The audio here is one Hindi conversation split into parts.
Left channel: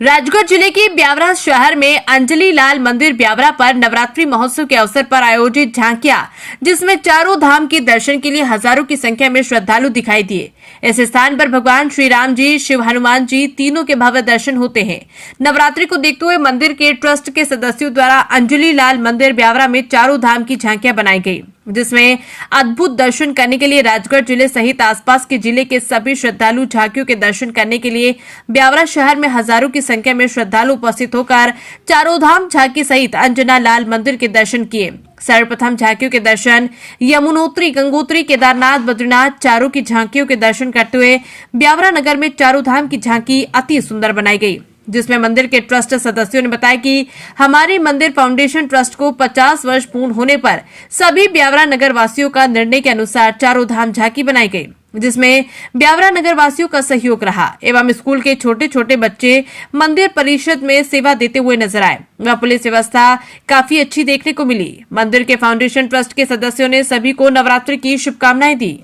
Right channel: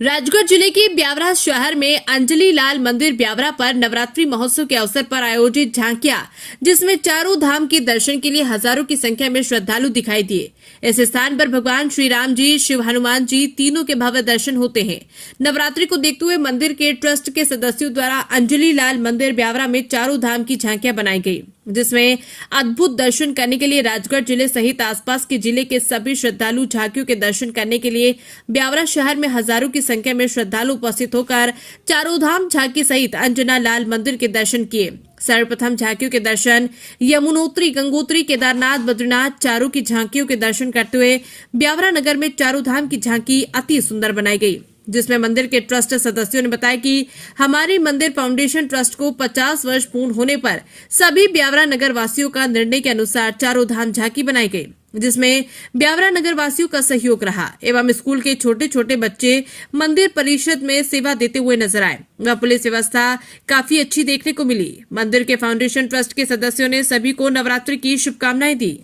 राजगढ़ जिले के ब्यावरा शहर में अंजलि लाल मंदिर ब्यावरा पर नवरात्रि महोत्सव के अवसर पर आयोजित झांकियां, जिसमें चारों धाम के दर्शन के लिए हजारों की संख्या में श्रद्धालु दिखाई दिए। इस स्थान पर भगवान श्री राम जी, शिव हनुमान जी तीनों के भव्य दर्शन होते हैं। नवरात्रि को देखते हुए मंदिर के ट्रस्ट के सदस्यों द्वारा अंजलि लाल मंदिर ब्यावरा में चारों धाम की झांकियां बनाई गई, जिसमें अद्भुत दर्शन करने के लिए राजगढ़ जिले सहित आसपास के जिले के सभी श्रद्धालु झांकियों के दर्शन करने के लिए ब्यावरा शहर में हजारों की संख्या में श्रद्धालु उपस्थित होकर चारों धाम झांकी सहित अंजना लाल मंदिर के दर्शन किए। सर्वप्रथम झांकियों के दर्शन यमुनोत्री, गंगोत्री, केदारनाथ, बद्रीनाथ चारों की झांकियों के दर्शन करते हुए ब्यावरा नगर में चारों धाम की झांकी अति सुंदर बनाई गई, जिसमें मंदिर के ट्रस्ट सदस्यों ने बताया कि हमारे मंदिर फाउंडेशन ट्रस्ट को 50 वर्ष पूर्ण होने पर सभी ब्यावरा नगर वासियों का निर्णय के अनुसार चारों धाम झांकी बनाई गई, जिसमें ब्यावरा नगर वासियों का सहयोग रहा एवं स्कूल के छोटे छोटे बच्चे मंदिर परिषद में सेवा देते हुए नजर आए व पुलिस व्यवस्था काफी अच्छी देखने को मिली। मंदिर के फाउंडेशन ट्रस्ट के सदस्यों ने सभी को नवरात्रि की शुभकामनाएं दी।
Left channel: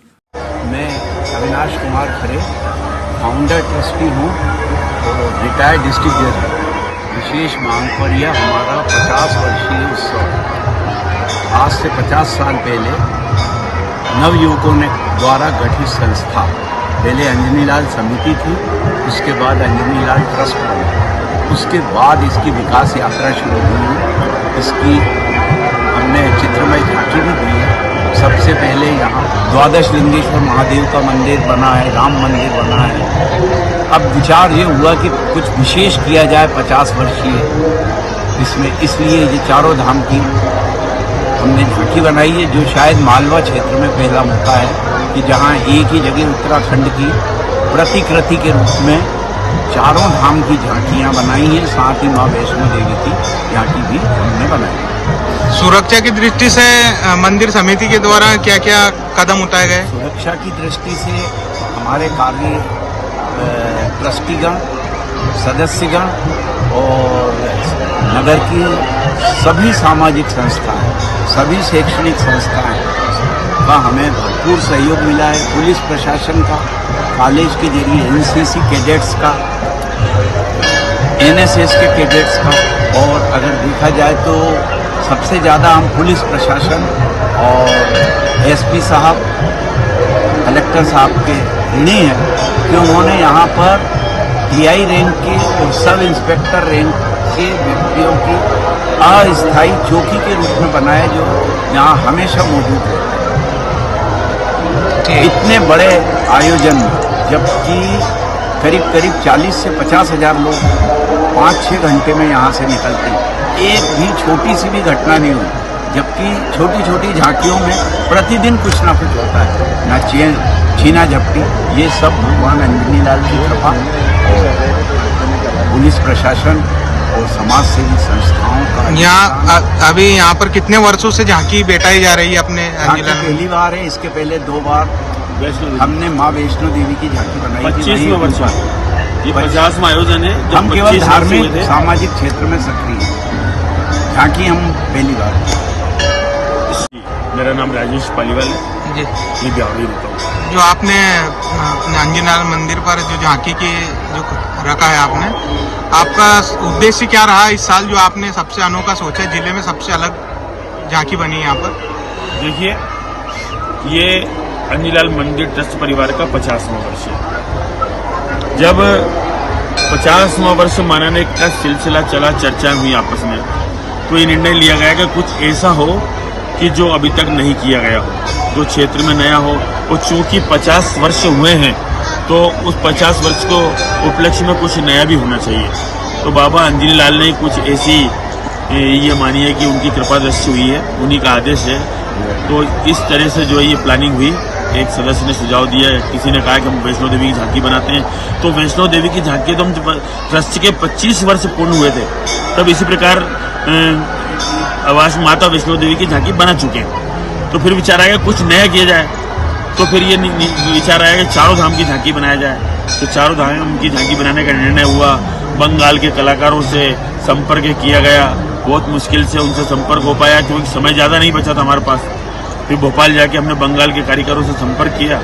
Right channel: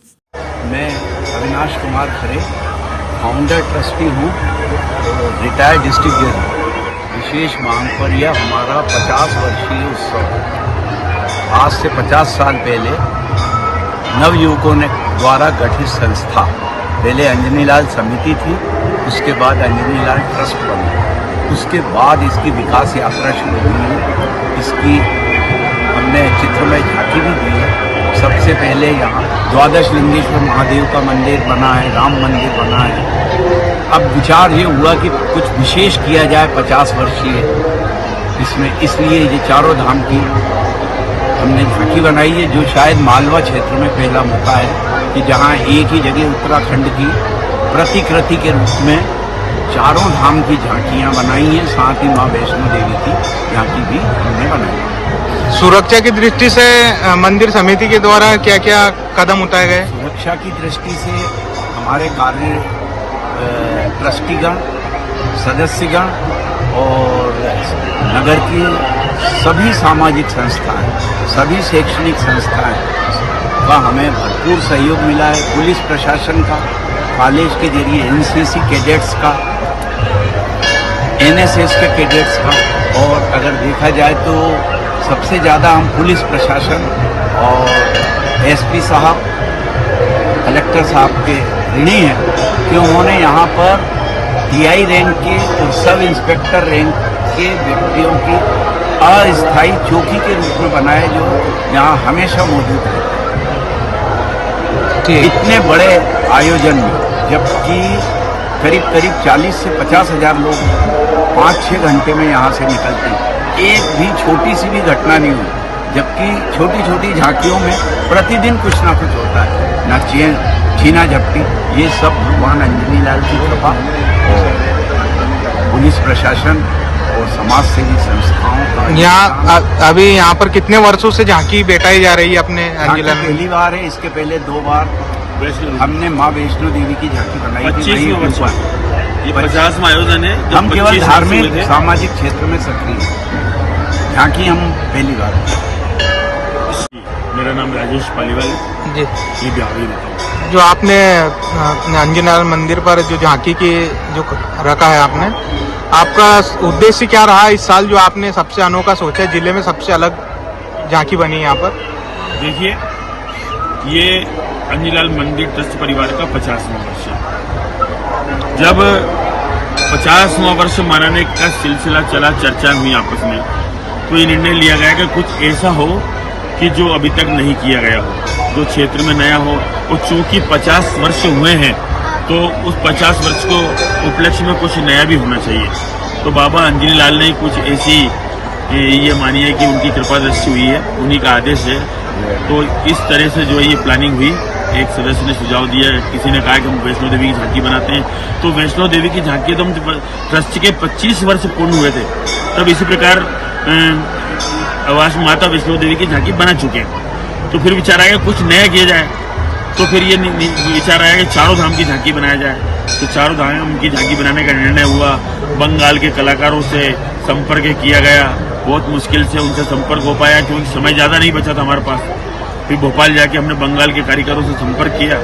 मैं अविनाश कुमार खरे, फाउंडर ट्रस्टी हूँ, रिटायर्ड डिस्ट्रिक्ट जज। विशेष मांग पर यह हमारा 50 वर्षीय उत्सव। आज से 50 साल पहले नवयुवकों ने द्वारा गठित संस्था, पहले अंजनी लाल समिति थी, उसके बाद अंजनी लाल ट्रस्ट बना, उसके बाद इसकी विकास यात्रा शुरू हुई। इसकी हमने चित्रमय झांकी भी दी है। सबसे पहले यहाँ द्वादश लिंगेश्वर महादेव का मंदिर बना है, राम मंदिर बना है। अब विचार ये हुआ कि कुछ विशेष किया जाए 50 वर्षीय इसमें, इसलिए ये चारों धाम की हमने झांकी बनाई है, जो शायद मालवा क्षेत्र में पहला मौका है कि जहां एक ही जगह उत्तराखंड की प्रतिकृति के रूप में चारों धाम की झांकियां बनाई हैं। साथ ही मां वैष्णो देवी की झांकी भी हमने बनाई। सुरक्षा की दृष्टि से मंदिर समिति के द्वारा क्या क्या कदम उठाए गए? सुरक्षा की दृष्टि से हमारे कार्य ट्रस्टीगण, सदस्यगण और नगर की सभी सामाजिक संस्थाएं, सभी शैक्षणिक संस्थाएं का हमें भरपूर सहयोग मिला है। पुलिस प्रशासन का, कॉलेज के जरिए एनसीसी कैडेट्स का, एनएसएस के कैडेट्स का, और अगर देखा जाए तो सबसे ज़्यादा हम पुलिस प्रशासन और एसपी साहब, कलेक्टर साहब के ऋणी हैं कि उन्होंने यहाँ पर टीआई रैंक के और सब इंस्पेक्टर रैंक के व्यक्तियों की अस्थायी चौकी के रूप में बनाए, जो यहाँ हमेशा मौजूद है। इतने बड़े आयोजन में, जबकि करीब करीब 40 से 50 हजार लोग 5-6 घंटे में यहाँ से निकलते हैं, एक भी छोटी सी भी घटना नहीं हुई। जबकि छोटी छोटी झांकियों में प्रतिदिन कुछ ना कुछ होता है, ना छीना झपटी। ये सब भगवान अंजनी लाल की कृपा और पुलिस प्रशासन और समाज सेवी संस्थाओं का। यहाँ अभी यहाँ पर कितने वर्षों से झांकी बैठाई जा रही है अपने अंजलि? पहली बार है, इसके पहले 2 बार हमने माँ वैष्णो देवी की झांकी बनाई थी। 50वां आयोजन है। हम केवल धार्मिक सामाजिक क्षेत्र में सक्रिय हैं। झांकी हम पहली बार। मेरा नाम राजेश पालीवाल है जी। ये ब्यावरी रहता हूँ। जो आपने अपने अंजनी लाल मंदिर पर जो झांकी की जो रखा है आपने, आपका उद्देश्य क्या रहा इस साल, जो आपने सबसे अनोखा सोचा, जिले में सबसे अलग झांकी बनी यहाँ पर? देखिए, ये अंजनी लाल मंदिर ट्रस्ट परिवार का 50वां वर्ष है। जब 50वां वर्ष मनाने का सिलसिला चला, चर्चा हुई आपस में, तो ये निर्णय लिया गया कि कुछ ऐसा हो कि जो अभी तक नहीं किया गया हो, जो क्षेत्र में नया हो। और चूंकि 50 वर्ष हुए हैं, तो उस 50 वर्ष को उपलक्ष्य में कुछ नया भी होना चाहिए। तो बाबा अंजनी लाल ने कुछ ऐसी, ये मानिए कि उनकी कृपा दृष्टि हुई है, उन्हीं का आदेश है। तो इस तरह से जो है ये प्लानिंग हुई। एक सदस्य ने सुझाव दिया, किसी ने कहा कि हम वैष्णो देवी की झांकी बनाते हैं, तो वैष्णो देवी की झांकी तो हम ट्रस्ट के 25 वर्ष पूर्ण हुए थे, तब इसी प्रकार आवास माता वैष्णो देवी की झांकी बना चुके हैं। तो फिर विचार आया कुछ नया किया जाए, तो फिर ये विचार आया कि चारों धाम की झांकी बनाया जाए। तो चारों धाम की झांकी बनाने का निर्णय हुआ। बंगाल के कलाकारों से संपर्क किया गया, बहुत मुश्किल से उनसे संपर्क हो पाया क्योंकि समय ज़्यादा नहीं बचा था हमारे पास। फिर भोपाल जाके हमने बंगाल के कारीगरों से संपर्क किया,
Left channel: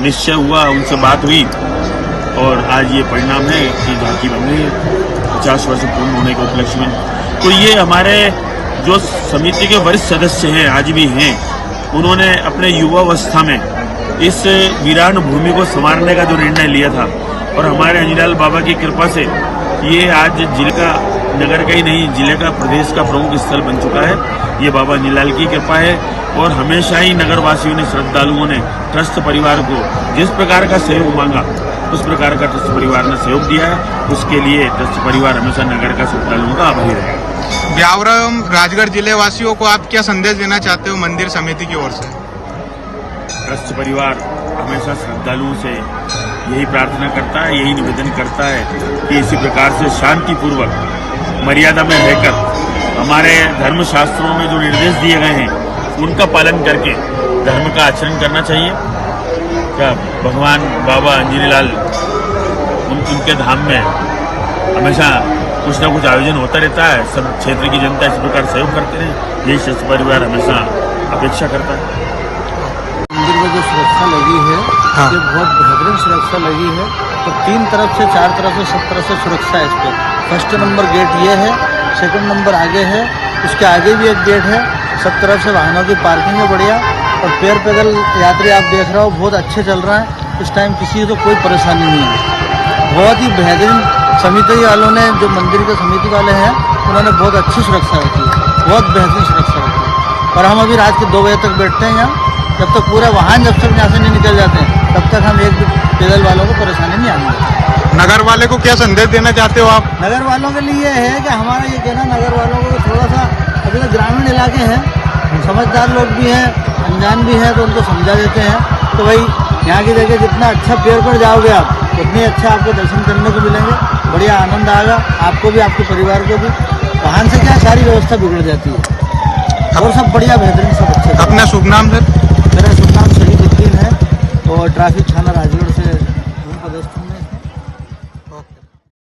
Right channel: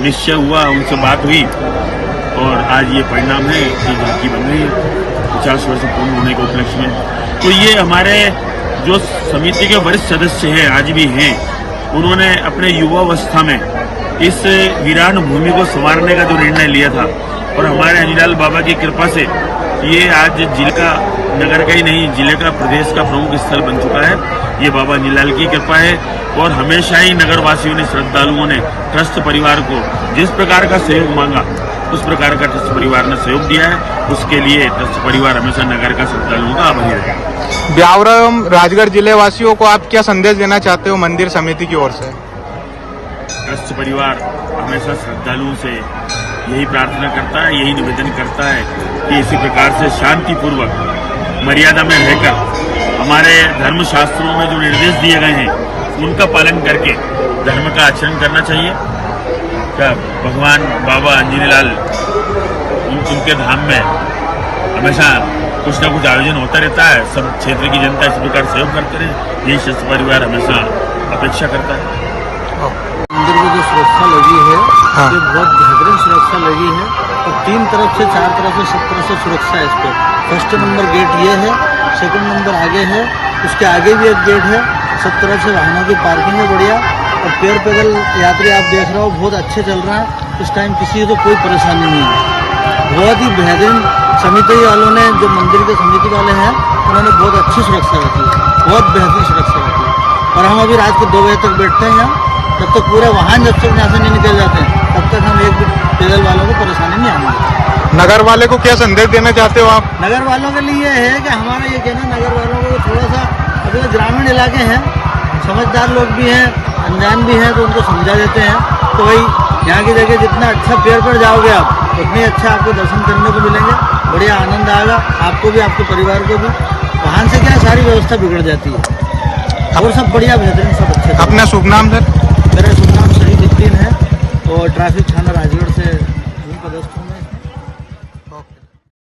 निश्चय हुआ, उनसे बात हुई और आज ये परिणाम है कि झांकी बन गई है। 50 वर्ष पूर्ण होने के उपलक्ष्य में। तो ये हमारे जो समिति के वरिष्ठ सदस्य हैं, आज भी हैं, उन्होंने अपने युवावस्था में इस वीरान भूमि को संवारने का जो निर्णय लिया था, और हमारे अंजनीलाल बाबा की कृपा से ये आज जिले का, नगर का ही नहीं, जिले का, प्रदेश का प्रमुख स्थल बन चुका है। ये बाबा अंजनीलाल की कृपा है, और हमेशा ही नगर वासियों ने, श्रद्धालुओं ने ट्रस्ट परिवार को जिस प्रकार का सहयोग मांगा, उस प्रकार का ट्रस्ट परिवार ने सहयोग दिया है। उसके लिए ट्रस्ट परिवार हमेशा नगर का, श्रद्धालुओं का आभारी रहेगा। ब्यावरा एवं राजगढ़ जिले वासियों को आप क्या संदेश देना चाहते हो मंदिर समिति की ओर से? ट्रस्ट परिवार हमेशा श्रद्धालुओं से यही प्रार्थना करता है, यही निवेदन करता है कि इसी प्रकार से शांतिपूर्वक मर्यादा में रहकर हमारे धर्म शास्त्रों में जो निर्देश दिए गए हैं उनका पालन करके धर्म का आचरण करना चाहिए। क्या भगवान बाबा अंजनीलाल उनके धाम में हमेशा कुछ न कुछ आयोजन होता रहता है। सब क्षेत्र की जनता इस प्रकार सहयोग करते रहे, यही ट्रस्ट परिवार हमेशा अपेक्षा करता है। मंदिर में जो सुरक्षा लगी है, हाँ। ये बहुत बेहतरीन सुरक्षा लगी है। तो 3 तरफ से 4 तरफ से सब तरफ से सुरक्षा है इसको। फर्स्ट नंबर गेट ये है, सेकंड नंबर आगे है, उसके आगे भी एक गेट है। सब तरफ से वाहनों की पार्किंग है बढ़िया, और पैदल यात्री आप देख रहे हो बहुत अच्छे चल रहा है। इस टाइम किसी को कोई परेशानी नहीं है। बहुत ही बेहतरीन समिति वालों ने, जो मंदिर के समिति वाले हैं, उन्होंने बहुत अच्छी सुरक्षा रखी है, बहुत बेहतरीन सुरक्षा रखी है। और हम अभी रात के 2 बजे तक बैठते हैं यहाँ, जब तक पूरे वाहन जब तक यहाँ से नहीं निकल जाते हैं तब तक हम एक भी पैदल वालों को परेशानी नहीं आने देते। नगर वाले को क्या संदेश देना चाहते हो आप? नगर वालों के लिए है कि हमारा ये कहना, नगर वालों को थोड़ा सा, अभी तो ग्रामीण इलाके हैं, समझदार लोग भी हैं, अनजान भी हैं, तो उनको समझा देते हैं। तो भाई यहाँ की जगह जितना अच्छा पेड़ पर जाओगे आप, उतने अच्छा आपको दर्शन करने को मिलेंगे, बढ़िया आनंद आएगा आपको भी, आपके परिवार को भी। वाहन से क्या है, सारी व्यवस्था बिगड़ जाती है, और सब बढ़िया बेहतरीन सब अच्छे। अपना शुभ नाम सर? मेरा शुभ नाम शहीदुद्दीन है, और ट्रैफिक थाना राजगढ़ से पदस्थ हूँ मैं।